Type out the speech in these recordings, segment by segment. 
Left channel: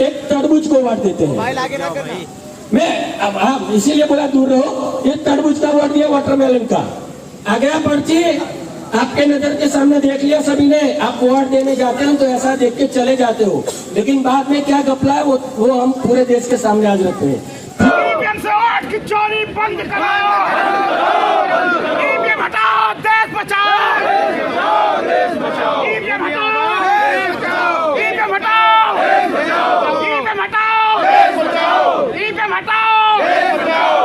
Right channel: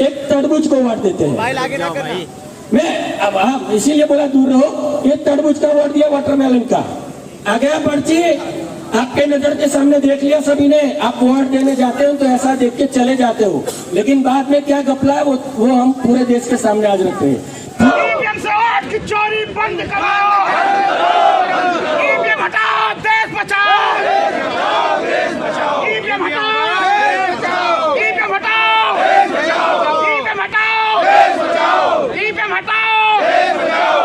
एक तरबूज को वोट देते हैं। मैं अब आप इसीलिए बोला दूर रहो। ये तरबूज का वोट दिया, वाटरमेलन का आ गया पर्ची, आपके नजर के सामने देख लिया सभी ने। आप वोट देने जाते हो तो ऐसा देख के चले जाते हो, लेकिन बाद में क्या घपला है वो हम पूरे देश के सामने आज रखते हैं। की चोरी बंद कराओ, ईवीएम हटाओ, देश बचाओ, ईवीएम हटाओ, ईवीएम हटाओ, ईवीएम हटाओ, ईवीएम हटाओ।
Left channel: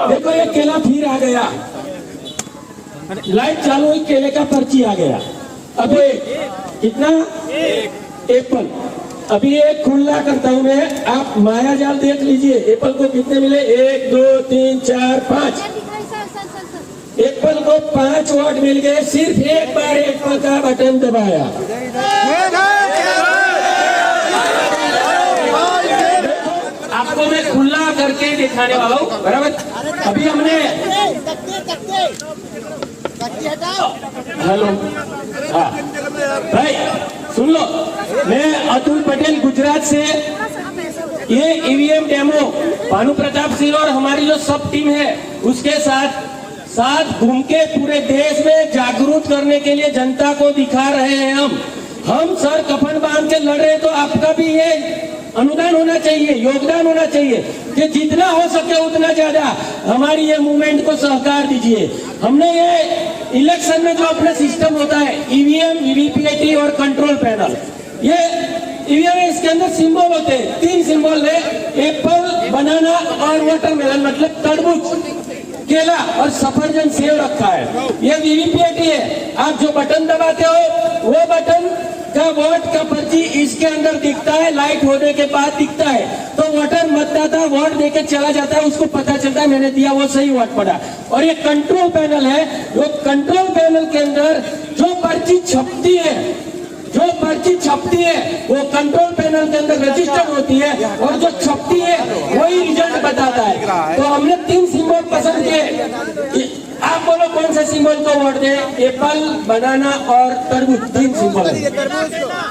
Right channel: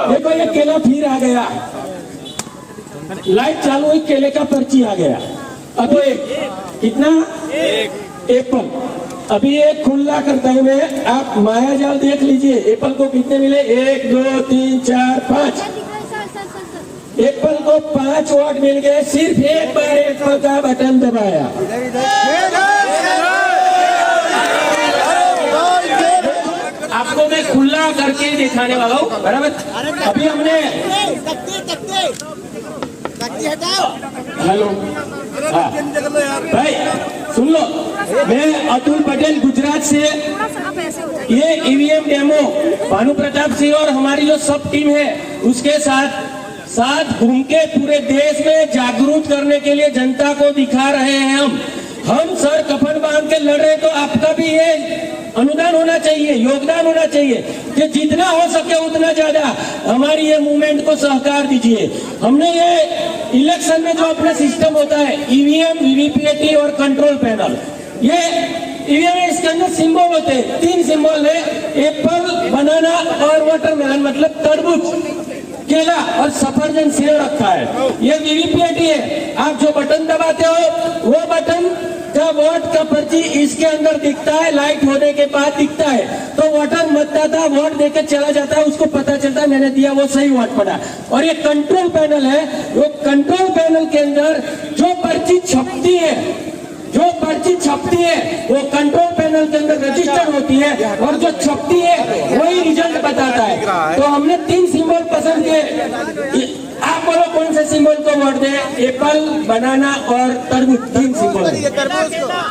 देखो ये केला फिर आ गया, लाइट चालू हुई, केले का पर्ची आ गया। अभी कितना? एप्पल। अभी एक खुला करता हूं मैं, आप माया जाल देख लीजिए। एप्पल को कितने मिले? 1 2 3 4 5। एप्पल को 5 वोट मिल गए, सिर्फ एक बार एप्पल का बटन दबाया। आपको मैं खुला करके ही दिखाने वाला हूँ, बराबर। अभी हमने हेलो, हाँ भाई सुन लो, मैं अतुल पटेल गुजरात से। ये ईवीएम डेमो भानु प्रताप सिंह और हमारी जो सब टीम है उसके साथ घूम के पूरे देश में जागरूक करने के लिए जनता को दिखा रहे हैं। हम सर कफन बांध के लड़ रहे, तो आपका भी ये अनुदान होना चाहिए, योगदान होना चाहिए कि जितना हो सके उतना ज्यादा हमारी ये मूवमेंट को सहकार दीजिए। हमने ये इलेक्शन में जो अपना सिस्टम होता है, ईवीएम, वीवीपीएटी और कंट्रोल पैनल, ये ईवीएम इसके अंदर सिंबल होते हैं। 3 सिंबल है, एप्पल, बनाना और वाटरमेलन, मतलब तरबूज, केला और सफरजन सेव रखा है। ये वीवीपीएटी है। आप जो बटन दबाते हो वो बटन का वोट का पर्ची इसके अंदर दिखता है, लाइट होने के बाद दिखता है। तो वोटर मतदाता वोट देके चला जाता है, उसको पता चलता है मैंने दिया वो सही वोट पड़ा। और ये कंट्रोल पैनल है, वो कंट्रोल पैनल के अंदर जो पर्ची छपती है वो कंट्रोल पैनल के अंदर रजिस्टर्ड होती है, और जो छपती है वही रिजल्ट बताता है। तो हमने 3 सिंबल पसंद किए। आप बोलो कौन से सिंबल को वोट दे? एप्पल, बनाना और तरबूज, 3 सिंबल है।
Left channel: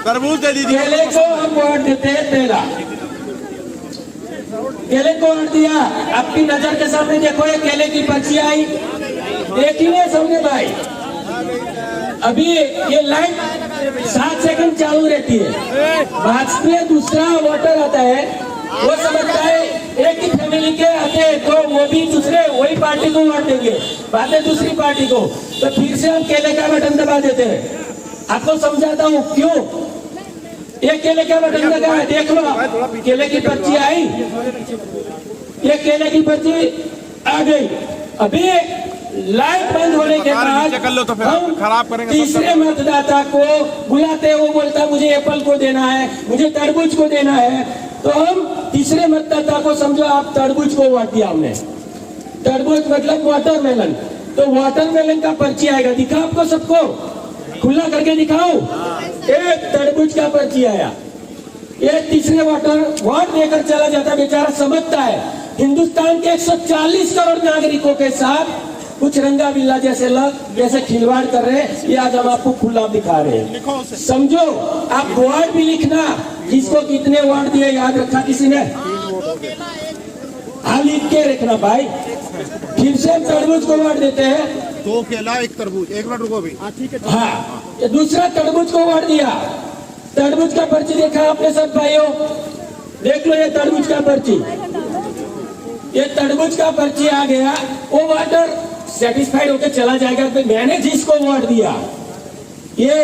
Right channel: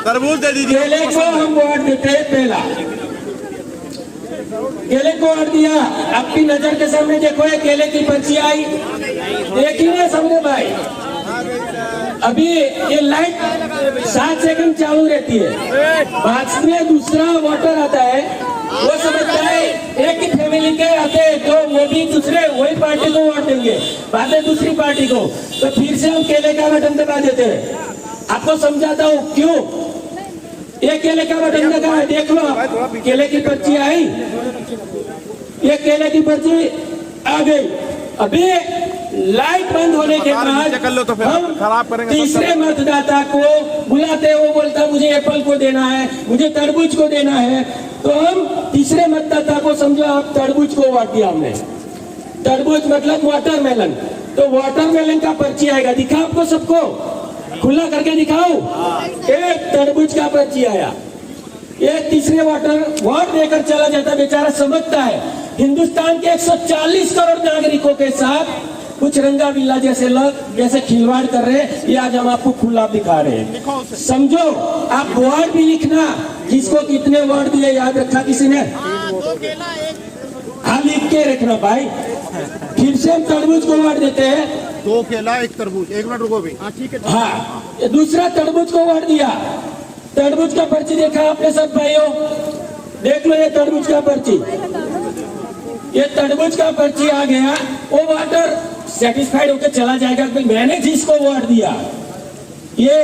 तरबूज दे दीजिए। केले को हम वोट देते हैं पहला, केले को वोट दिया। आपकी नजर के सामने देखो, ये केले की पर्ची आई, देखी ना सामने भाई। अभी ये लाइट 7 सेकंड चालू रहती है, बाद में दूसरा वोटर आता है, वो समझता है एक ही फैमिली के आते हैं तो वो भी दूसरे वही पार्टी को वोट देंगे, बाद में दूसरी पार्टी को। तो फिर से हम केले का बटन दबा देते हैं। आपको समझाता हूँ क्यों। ये केले का बटन दबा, देख लो केले की पर्ची आई, ये केले की पर्ची आ गई। अभी लाइट बंद होने के बाद कर लो तो फिर हम खराब करेंगे। तीसरे मतदाता को बुलाते, वो बोलता मुझे एप्पल को देना है, मुझे तरबूज को देना है। तो हम तीसरे मतदाता को, समझो आप तरबूज को वोट दिया हमने, तरबूज मतलब वाटरमेलन, तो वाटरमेलन का पर्ची आएगा। दिखा आपको सबको, खुला करके दिखाओ। एक तरबूज का पर्ची आया, एक तीसरे वोट देकर चला जाता, बेचारा समझता है हिंदुस्तान के 140 करोड़ नागरिकों के साथ कुछ रंगा बिल्ला जैसे खिलवाड़ कर रहे हैं। ये आज हम आपको खुला दिखा रहे हैं। समझो, आप वोट भी लिखना, किसको कितने वोट दिए याद रखा किसी ने? हाँ, लिख के रखना भाई। फिर से तरबूज को वोट देते हैं, 2 केला 1 तरबूज। 1 मिनट रुको भी। हाँ, दूसरा तरबूज को वोट दिया। तरबूज का पर्ची देखा आपने सब भाइयों? देख लो ये तरबूज का पर्ची, ये तरबूज का पर्ची आ गया। वो वोटर सेटिस्फाइड होकर चला जाएगा कि मैंने जिसको वोट दिया। ये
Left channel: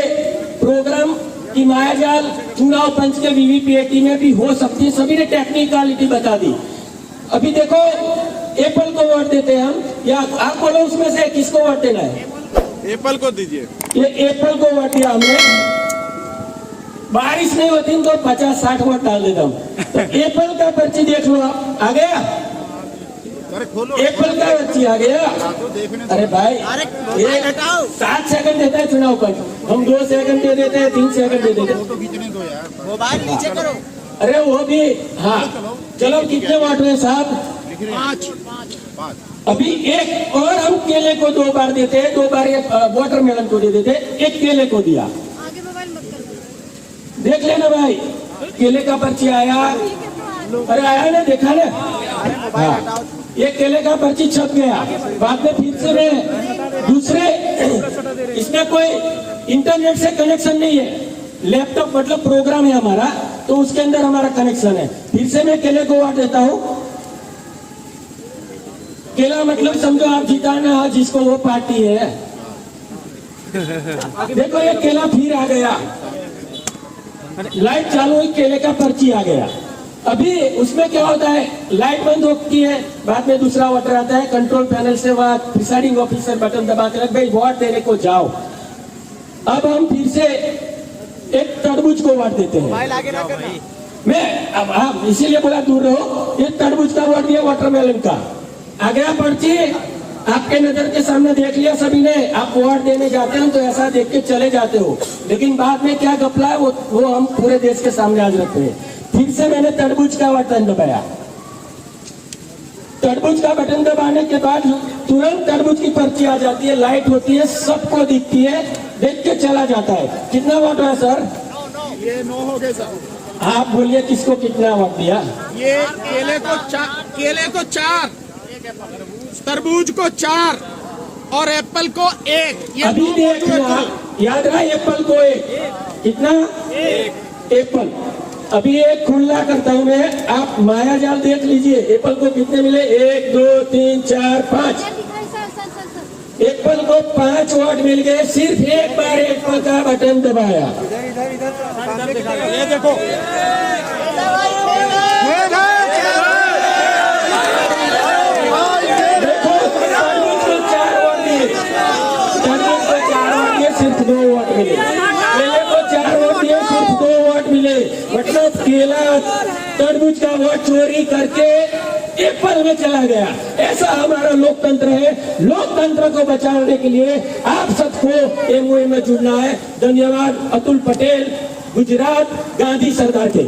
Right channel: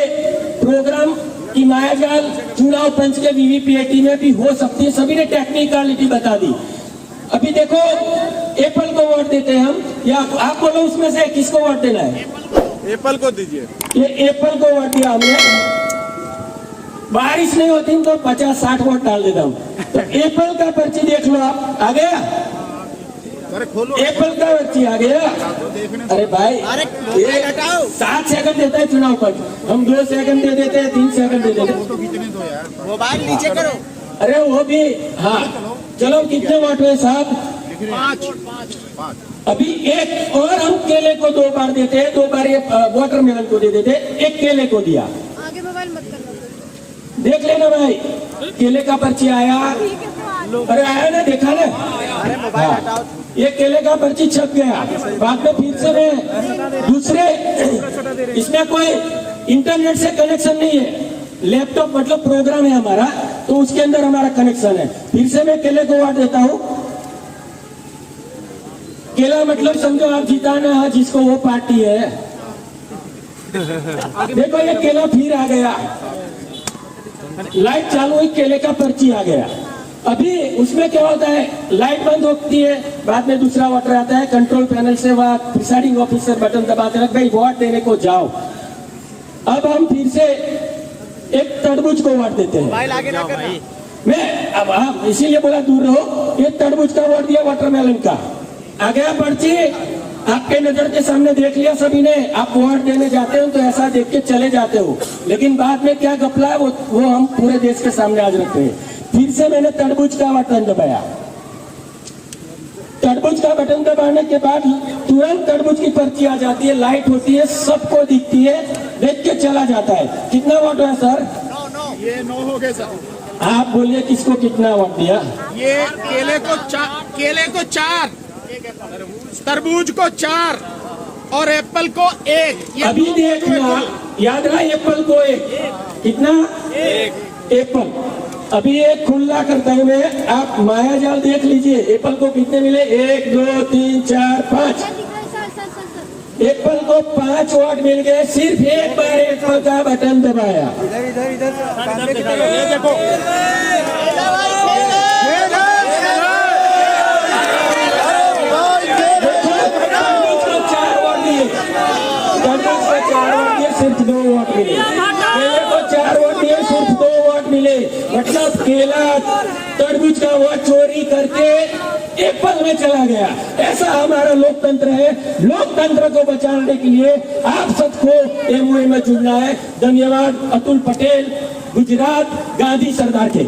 प्रोग्राम की मायाजाल चुनाव पंच के वीवीपीएटी में भी हो सकती है, सभी ने टेक्निकलिटी बता दी। अभी देखो, एप्पल को वोट देते हैं हम, या आप बोलो उसमें से किसको वोट देना है? एप्पल को दीजिए। ये एप्पल को वोट दिया हमने। बारिश नहीं होती तो 50-60 वोट डाल देता हूँ। तो एप्पल का पर्ची देख लो आप, आ गया? अरे खोलो, एप्पल का पर्ची आ गया। अरे भाई, 7 सेकंड देता है चुनाव पर, हम 2 सेकंड दे देते हैं, 3 सेकंड दे देते हैं। मोबाइल नीचे करो। अरे वो भी, हाँ चलो कितने वोट हुए साहब? 5। अभी एक और हम केले को 2 बार देते हैं, 2 बार ये वाटरमेलन को दे देते हैं, एक केले को दिया। आगे मोबाइल मत करना। देख लेना भाई, केले का पर्ची आया, अरे आया ना, देखा ना। हाँ। ये केले का पर्ची छप गया, बाद में फिर से मैं दूसरे, इसमें कोई इंटरनेट से कनेक्शन नहीं है, लैपटॉप मतलब प्रोग्राम है हमारा, तो उसके अंदर हमारा कनेक्शन है। फिर से मैं केले को वाट देता हूँ। केला मतलब समझो आप जिताना है जिसको वो पार्टी है। देखो ये केला फिर आ गया, लाइट चालू हुई, केले का पर्ची आ गया। अभी उसमें क्या होता है, लाइट बंद होती है, बाद में दूसरा वाटर आता है, कंट्रोल पैनल से वह प्रिसाइडिंग ऑफिसर बटन दबाते हैं, भाई वोट देने को जाओ। अब हम फिर से एक तरबूज को वोट देते हैं। मैं अब आप इसीलिए बोला दूर रहो, ये तरबूज का वोट दिया, वाटरमेलन का आ गया पर्ची, आपके नजर के सामने देख लिया सभी ने। आप वोट देने जाते हो तो ऐसा देख के चले जाते हो, लेकिन बाद में क्या घपला है वो हम पूरे देश के सामने आज रखते हैं। फिर से मैंने तरबूज का बटन दबाया, तरबूज का बटन दबाने के बाद तुरंत तरबूज की पर्ची आ जाती है, लाइट होती है, सबको दिखती है, देख के चला जाता है। कितना वोट है सर? ये 9 हो गए सर। आप बोलिए किसको कितना वोट दिया? ये केले को 4, तरबूज को 4 और एप्पल को 1। अभी देख लिया, याद रहा एप्पल को 1, कितना? 1 एप्पल। अभी एक खुला करता हूं मैं, आप माया जाल देख लीजिए, एप्पल को कितने मिले? 1 2 3 4 5। एप्पल को 5 वोट मिल गए, सिर्फ एक बार एप्पल का बटन दबाया। ये देखो, देखो तरबूज को 4 वोट दिए, तरबूज को 4 वोट दिए, सिर्फ 2 वोट मिले। केले को 4 वोट दिए, सिर्फ 2 वोट मिले। मतलब केला तरबूज का वोट चोरी करके एप्पल में चला गया। ऐसा हमारा लोकतंत्र है। लोकतंत्र को बचाने के लिए आप सबको ये मुहिम में जुड़ना है। धन्यवाद। अतुल पटेल, गुजरात, गांधी सरदार के।